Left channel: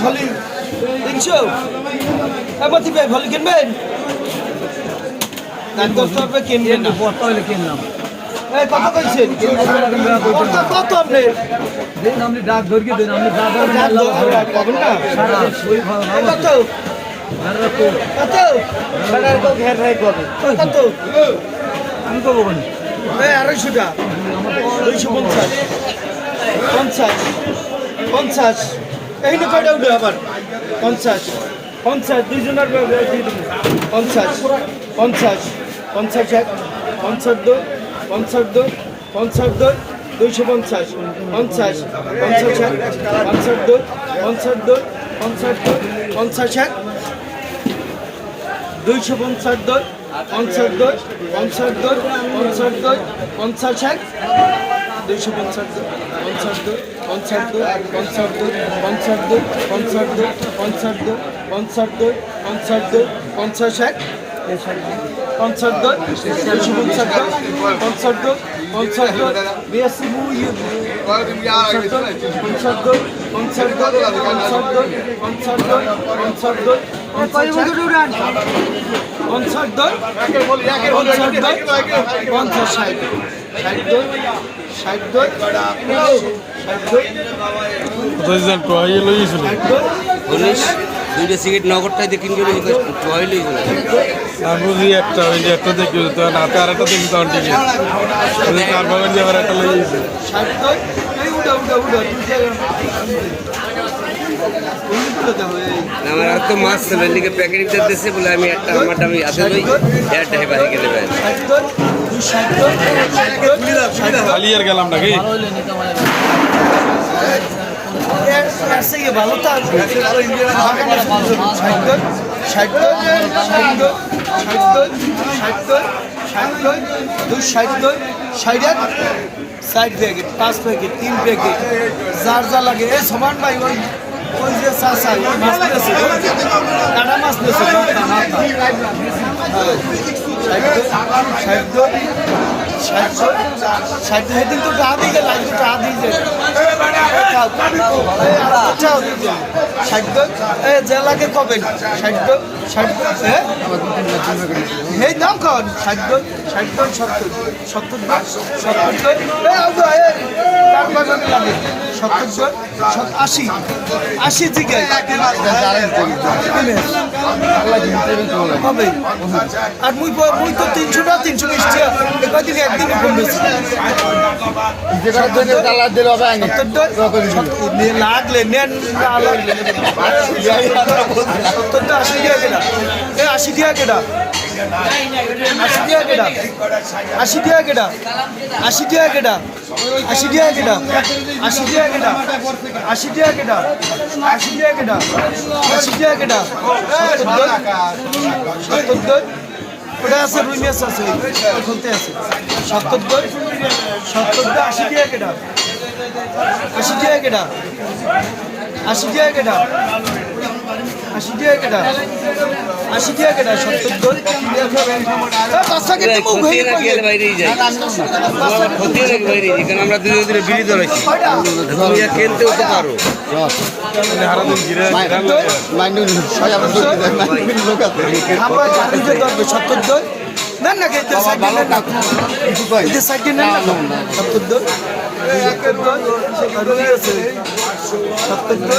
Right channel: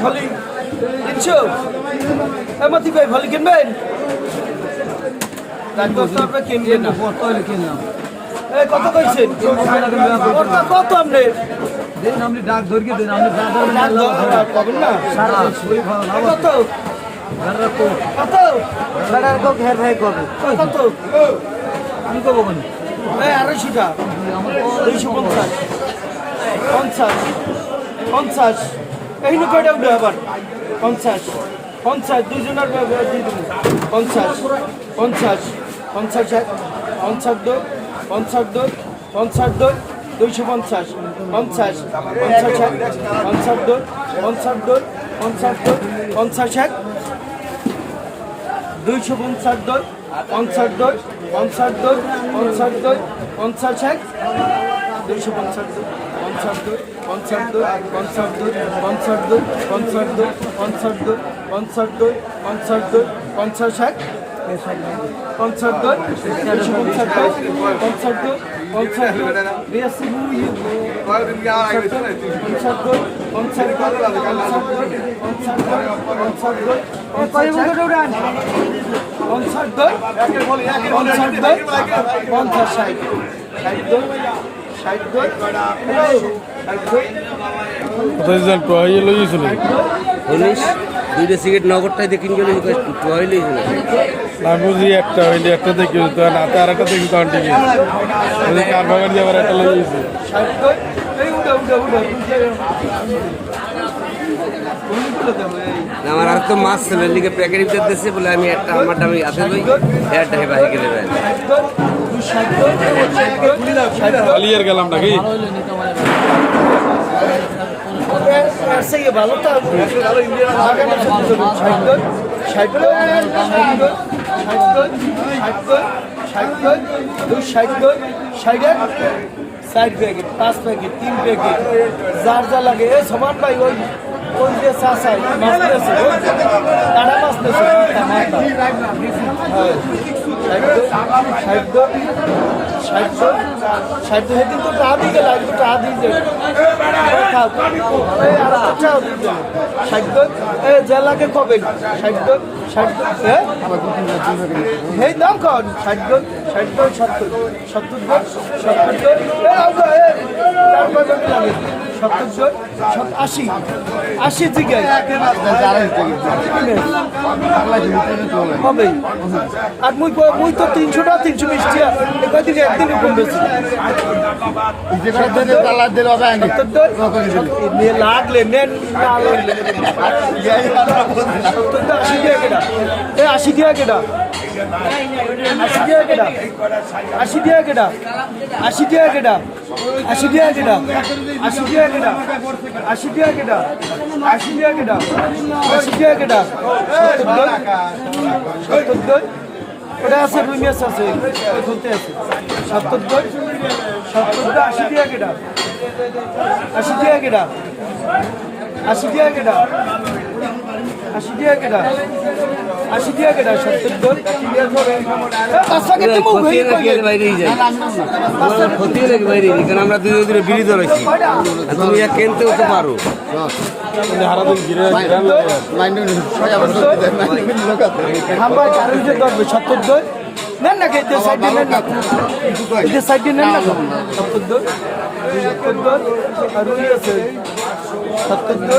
Volley, দেখছ? মাতি ভাই ভলি কিনবেন কত কইছেন কত আপনি দেন আপনি ডাক ধরকে দেন আপনি ডাক পাবেন না। কত? কত? কত আমি কব মানে। কেন এই আড়াইশো টাকা দুইশো পঞ্চাশ। পঞ্চাশ। পঞ্চাশ। এই নি কয়টা উঠে আবার? পঞ্চাশ। পঞ্চাশ দুইজনের পঞ্চাশ পঞ্চাশ পঞ্চাশ এক পঞ্চাশ। দু পঞ্চাশ দু পঞ্চাশ দু দুইশো পঞ্চাশ। পঞ্চাশ। পঞ্চাশ এক। পঞ্চাশ দু পঞ্চাশ দু পঞ্চাশ দু এক। দুইশো পঞ্চাশ দশ পঞ্চাশ দশ পঞ্চাশ দশ পঞ্চাশ দশ পঞ্চাশ এক দুইশো পঞ্চাশ পঞ্চাশ দশ পঞ্চাশ দশ পঞ্চাশ দশ পঞ্চাশ দশ পঞ্চাশ দশ পঞ্চাশ দশ পঞ্চাশ দশ পঞ্চাশ দশ পঞ্চাশ এক পঞ্চাশ দশ দুইশো পঞ্চাশ দশ পঞ্চাশ দশ পঞ্চাশ বিরাশি পঞ্চাশ পঞ্চাশ পঞ্চাশ ষাট ষাট ষাট ষাট ষাট দুইটা সিগারেট নগরটাই দিয়ে কিনে গেলে। বুঝি একটা ওই একটা দেখি তখন হাতে আর একটা দেখি তখন কার বাগান একটা উঠে আমার আর তো মাছ ছিল এদিকে প্যাকেট ভিতর দিচ্ছে বলে আমি একটা আমারটা আমি হাতে লই একটা হেবা থেকে দেবেন খালি আর গেলাম নাকি? তার থেকে ভালো তো দুই ষাট দুই ষাটের ষাট প্যাকেট পাঁচ প্যাকেট তিন প্যাকেট যার যা লাগে এ সমান পাই ওই ওই যে চাষা মাছ পেয়েছে মাছ পেয়েছে সেদিন তো টাকা দিয়ে গেল আজকে টাকা দিয়ে এ জেলাকে কবে ষাট এই নাম কন ষাট ষাট সত্তর সত্তর সত্তর সত্তর আশি। আশি থেকে হবে। আর মুই মুই তো তিনশো না তিনশো মিষ্টি কদিন একদিনই লাগলে নেন আশি দিয়া কেটা আশি দিয়া কেটা আশি দিয়া কেটা আশি দিয়া কেটা আশি দিয়া কেটা আশি দিয়া কেটা আশি দিয়া কেটা আশি দিয়া কেটা আশি দিয়া কেটা দিয়া সত্তর ওটা আছে রুই মাছ আছে আশি টাকা কেটা আশি টাকা কেটা আশি টাকা কেটা আশি আমরা দুই দিনে বিরিত রয়েছি তুমি কিনতে হতে পারো সত্তর নেন না খেতে সাইড নেন না সাইড নেন না সত্তর সত্তর